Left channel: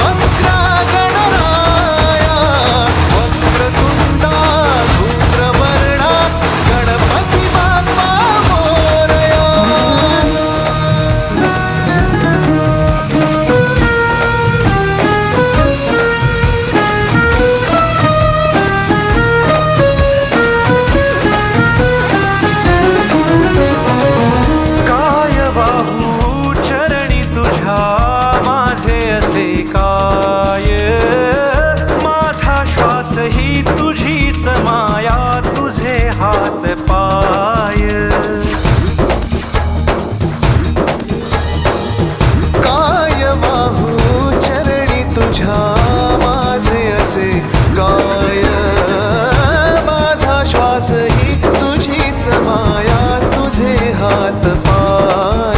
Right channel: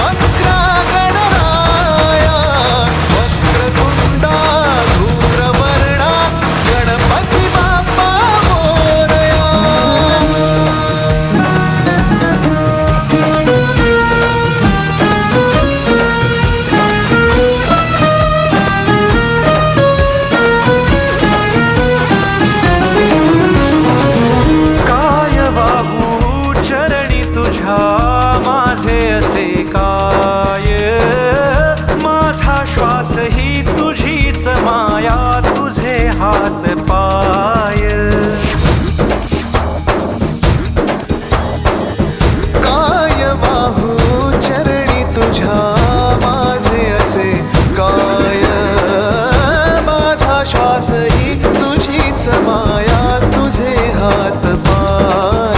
वक्रा गणराया वक्रतुंडा धूम्रवर्णा गणपती बाप्पा मोरया. काय वाहू चरणी तुझ्या माझे असे काय, माझा श्वास ही तुझीच माया तुझे हात पाय. काय वाहू चरणी तुझ्या माझे असे काय, माझा श्वास ही तुझीच माया तुझे हात पाय.